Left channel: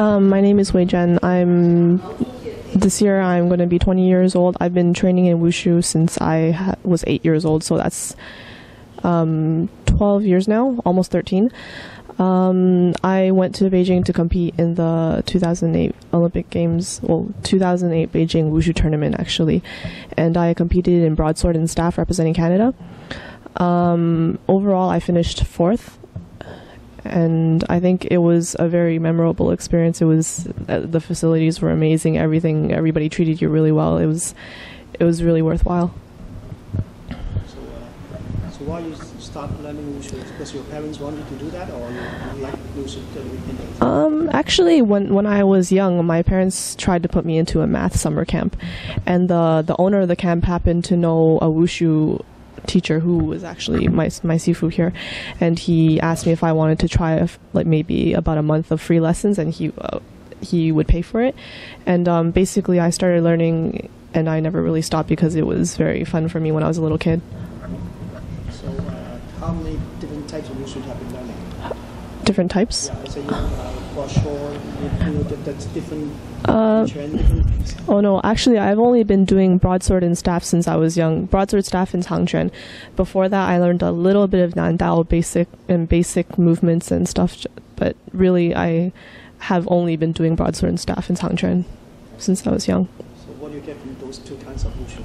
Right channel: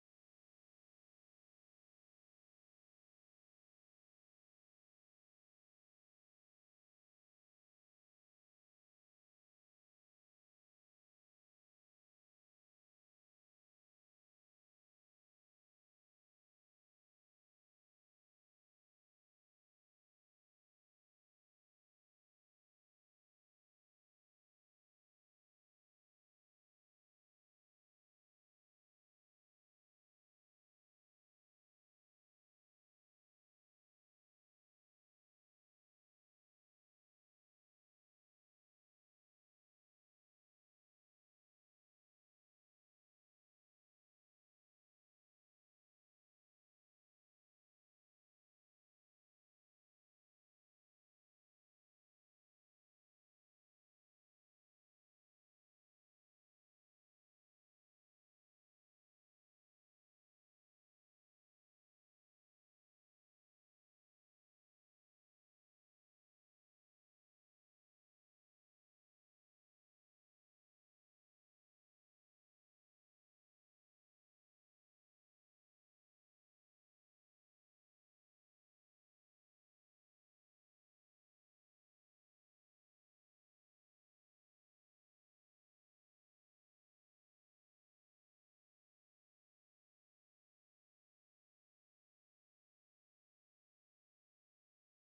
My name is Wei Jen. This year I'm going to be 20 years old. I've been training in Wushu since I was 8 years old, so that's 12 years now, almost 13. I went to Beijing to compete in the 2008 Olympic Games, 2008 Beijing Wushu tournament actually, and I competed in broadsword and staff representing Canada. Overall, I finished 4th. And I think it was a very memorable experience. It was the facilities were amazing. Everybody treated you really well. It was really worthwhile. So why you start learning Wushu? Because your parents wanted to do that, or you like Wushu? Actually, when I was young, my parents tried to put me into a math summer camp, and the owner of the camp happened to know a Wushu teacher who was actually my sifu here, and he asked me if I wanted to try maybe about a month of free lessons, and he would pay for it. And basically I started learning, and I never really stopped because it was very fun for me when I was a little kid. So how many different types of Wushu have you been learning? Different types? Yeah, so that's different. Different oh no, actually I've only been doing broadsword and staff since I was young. Broadsword, staff, and Changquan. Before that I learned a little bit of Nandao basic movements and stuff, but really I have only been doing broadsword and staff and Changquan since I was young. So what do you get from those two kinds of Wushu?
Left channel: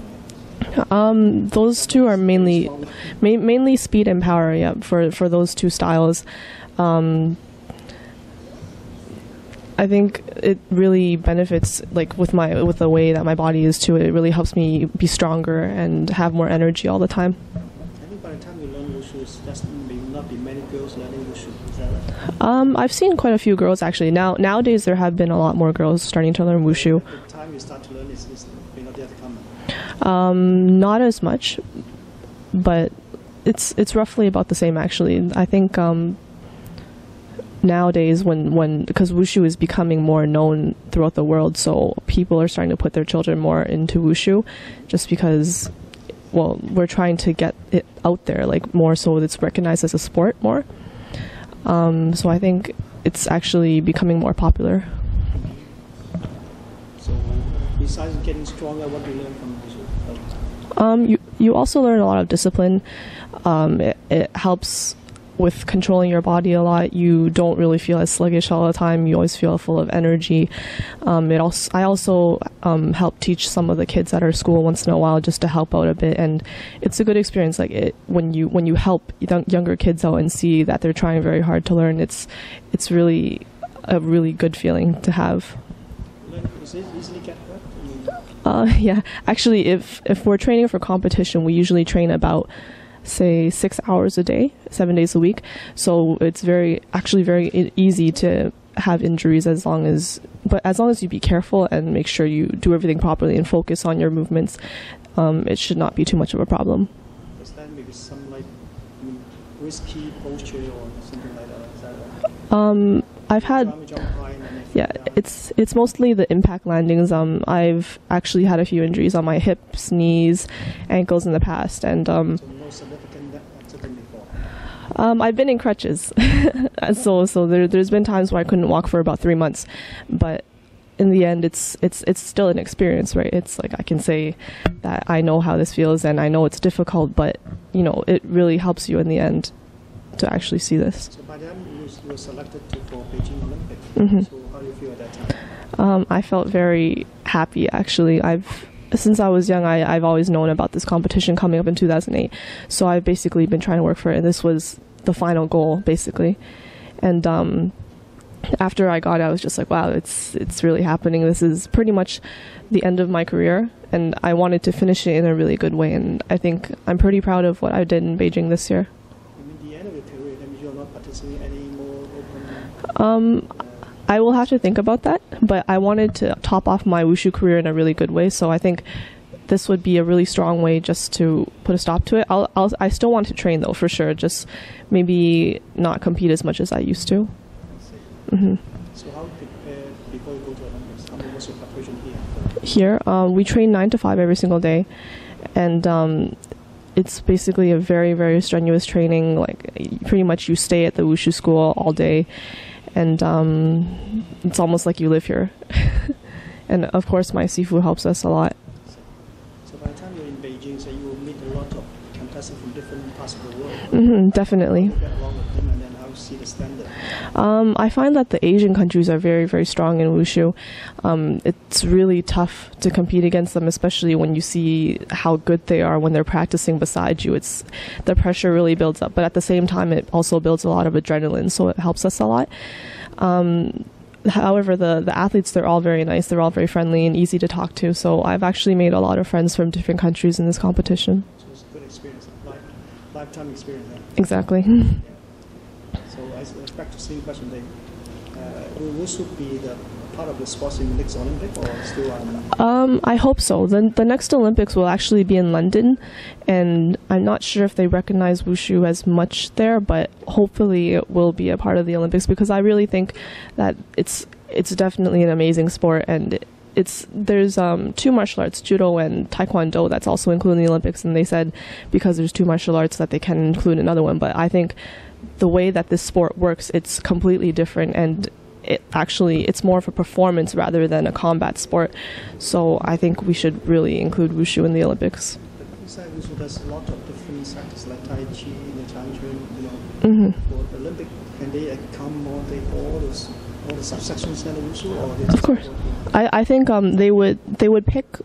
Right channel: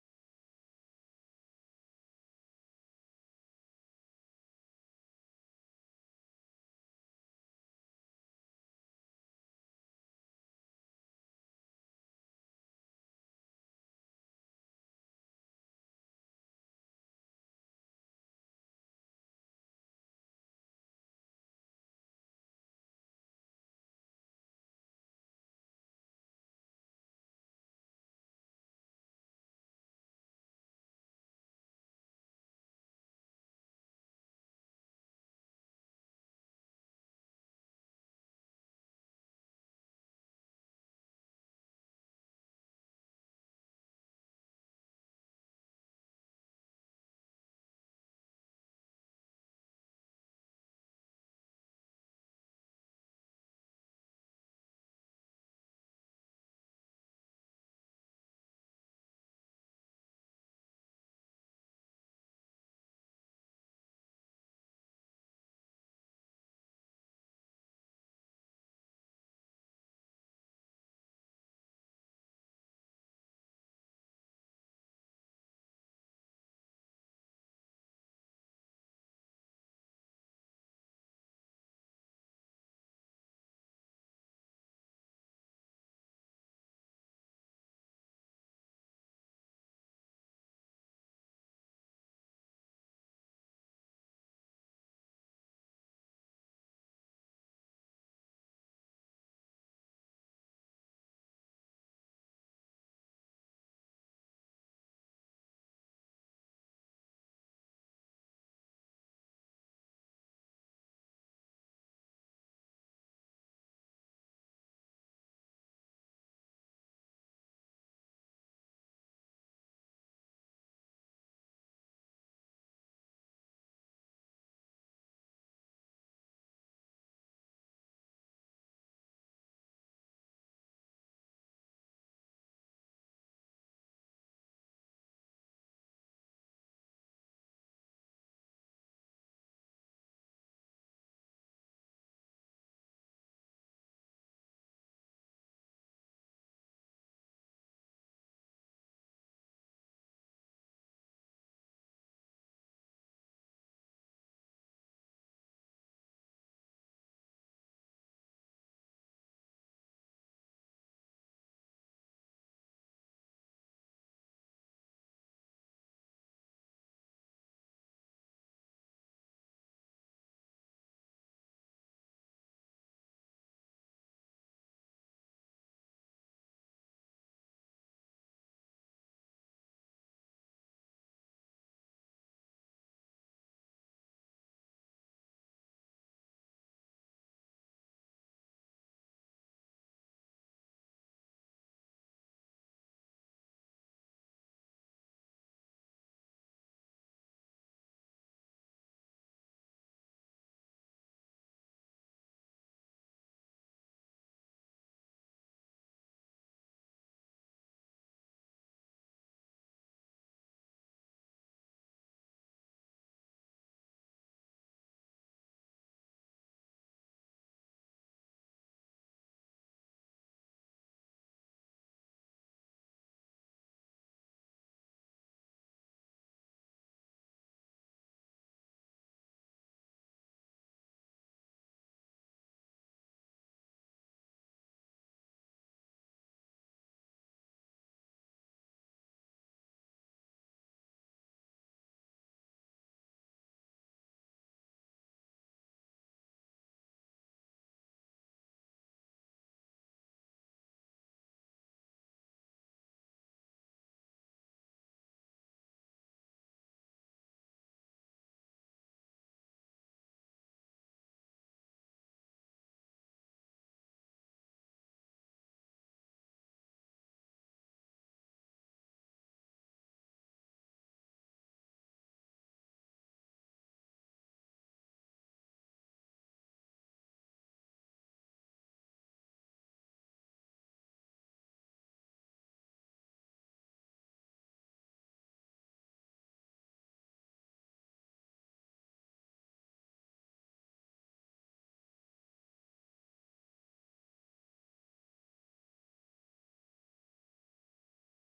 Those two are mainly speed and power, yeah, for those two styles. I think it really benefits, like with the way that my body is too. It really helps me be stronger and have more energy all the time. I think by the time you learn Wushu, there may not be many girls learning Wushu. Is that right? I've seen quite a few girls actually. Nowadays there have been a lot more girls starting to learn Wushu. At the time you start to learn, is may not yet come. Not as much, but it's roughly about the same actually. I think nowadays because Wushu is becoming more known throughout the world, so people are starting to put their children more into Wushu just because, well, we're trying to get it out there like more so it's recognized as a sport more. So I think it's actually becoming more popular. So besides getting stronger, what do you learn from Wushu? You also learn a lot of discipline. It helps with controlling your body a lot. You don't really feel as sluggish all the time. You always feel full of energy. I also help teach some of the kids at our school once in a while just to help out a bit, and it's a good experience. Like when you help younger kids out and see that they're trying very hard to learn, it's really a really good feeling to have. Does it easily get hurt? Yeah, actually, if we're training for competition, we usually train about, say, 6 hours a day, 7 days a week. So it's actually very easy to have injuries as long as you be careful and make sure you do everything properly and focus on your movements. It should not be too much of a problem. Is that maybe some risky posture or something like that? Is that right? I've had. Yeah, it's mostly the impact landings. I've actually had a few injuries on my hips, knees, ankles in the past, and so no significant accident before. I've been in crutches, so there's been times where I couldn't walk for about 3 months, but in the end, it's still an experience, right? It's like I can say that I know how this feels, and I know it's difficult, but it really helps you in the end to actually see this. So by then you were selected for Beijing Olympics. Mm-hmm. So how do you feel at that time? I felt very happy actually. Since I was young, I've always known about this competition coming up in 2008. So I've basically been trying to work for it, and this was the final goal basically. And after I got it, I was just like, wow, it's really happening. This is pretty much the end of my career, and I wanted to finish it in a really good way. And I think I'm pretty proud of what I did in Beijing this year. I will have to think about that, but I wanted to top off my Wushu career in a really good way, so I think this would be a really strong way just to put a stop to it. I still want to train though, for sure, just maybe not compete as much as I used to. Mm-hmm. So how prepare before you go to Olympics? How much your preparation here? Here, we train 9 to 5 every single day, and it's basically a very, very strenuous training. Like pretty much you stay at the Wushu school all day, and it's almost like you live here. And of course, my seafood helps us a lot. So by the time you're in Beijing, so you will meet a lot of contestants from different parts of the world. Definitely. You get along with them, and then how you see the standard? I find that the Asian countries are very, very strong in wushu. It's really tough to compete against them, especially when you see how good they are when they're practicing beside you. The pressure really builds up, but at the same time, it also builds a lot of adrenaline, so it helps us a lot. However, the athletes, they're all very nice. They're all very friendly and easy to talk to. So I've actually made a lot of friends from different countries in this competition. So it's a good experience, lifetime experience. Exactly. So back to the same question, will Wushu be the part of the sports in the next Olympic, or still? I hope so. The next Olympics will actually be in London, and I'm not sure if they recognize wushu as much there, but hopefully it will be a part of the Olympics, because I really think that it's definitely an amazing sport, and there's two martial arts, judo and taekwondo, that's also included in the Olympics, and they said because there's two martial arts that they can include another one. But I think the way that this sport works, it's completely different, and it's more of a performance rather than a combat sport. So I think we should really include wushu in the Olympics. But besides wushu, there's a lot of different sectors like tai chi, Chinese, for the Olympic. Can they come all the subsections in the wushu, or they of course, I think they would pick.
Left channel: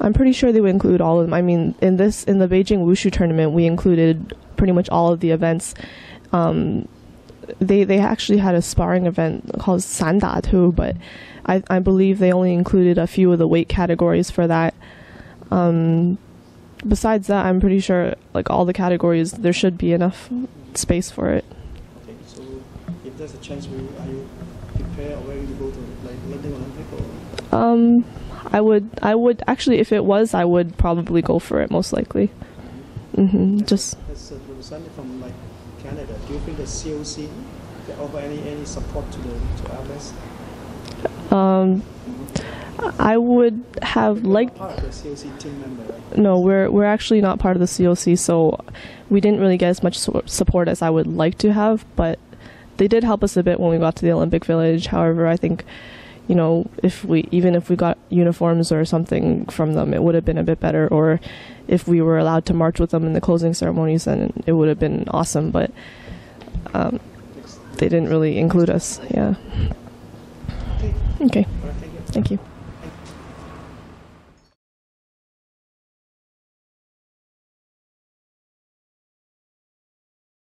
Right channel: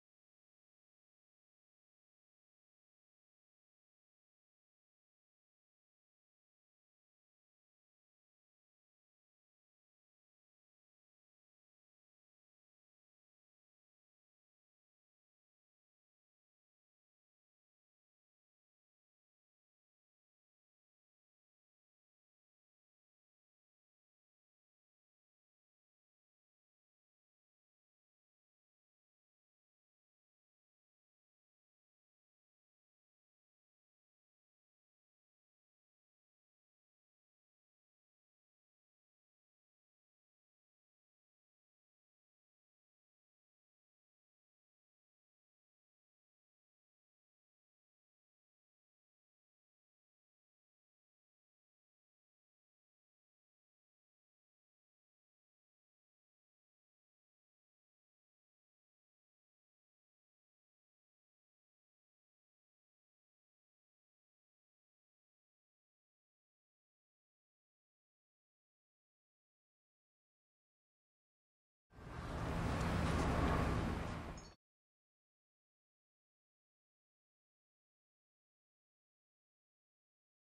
I'm pretty sure they would include all of them. I mean, in the Beijing Wushu tournament, we included pretty much all of the events. They actually had a sparring event called Sanda too, but I believe they only included a few of the weight categories for that. Besides that, I'm pretty sure like all the categories, there should be enough space for it. Okay, so if there's a chance, are you prepared or ready to go to like London Olympic? Or? I would actually, if it was, I would probably go for it most likely. Just. As a representative from like Canada, do you think the COC can offer any support to athletes? I would have liked. Part of the COC team member, right? No, we're actually not part of the COC, so we didn't really get as much support as I would like to have. But they did help us a bit when we got to the Olympic Village. However, I think, if we got uniforms or something from them, it would have been a bit better. Or if we were allowed to march with them in the closing ceremonies, then it would have been awesome. But they didn't really include us. Yeah. Okay. Okay. Thank you.